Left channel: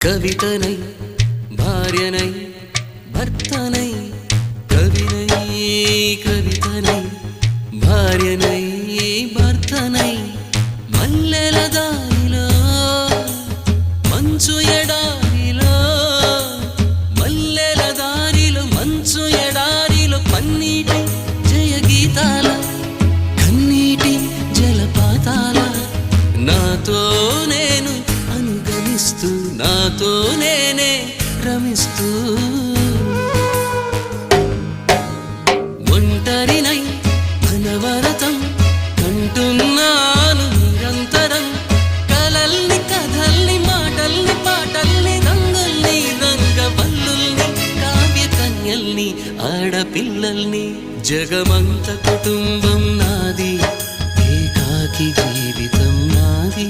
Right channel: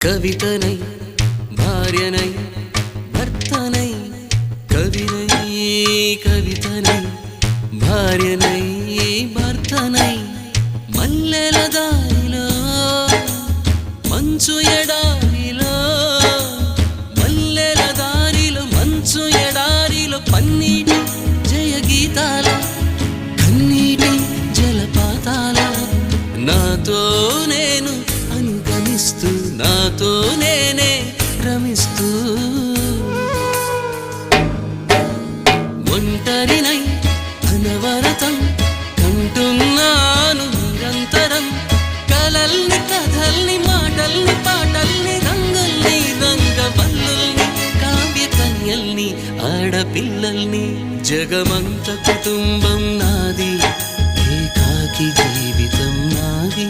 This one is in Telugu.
కవితనై భార్యనై భర్తనై కవినై కవితనై భార్యనై భర్తనై మల్లెల దారిలో మంచు ఎడారిలో మల్లెల దారిలో మంచు ఎడారిలో పన్నీటి జయగీతాల కన్నీటి జలపాతాల నాతో నేను అనుగమిస్తూ నాతో నేనే రమిస్తూ ఒంటరినై అనవరతం కంటున్నాను నిరంతరం కలల్ని కథల్ని మాటల్ని పాటల్ని రంగుల్ని రంగవల్లుల్ని కావ్య కన్యల్ని ఆడపిల్లల్ని జగమంత కుటుంబం నాది ఏకాకి జీవితం నాది.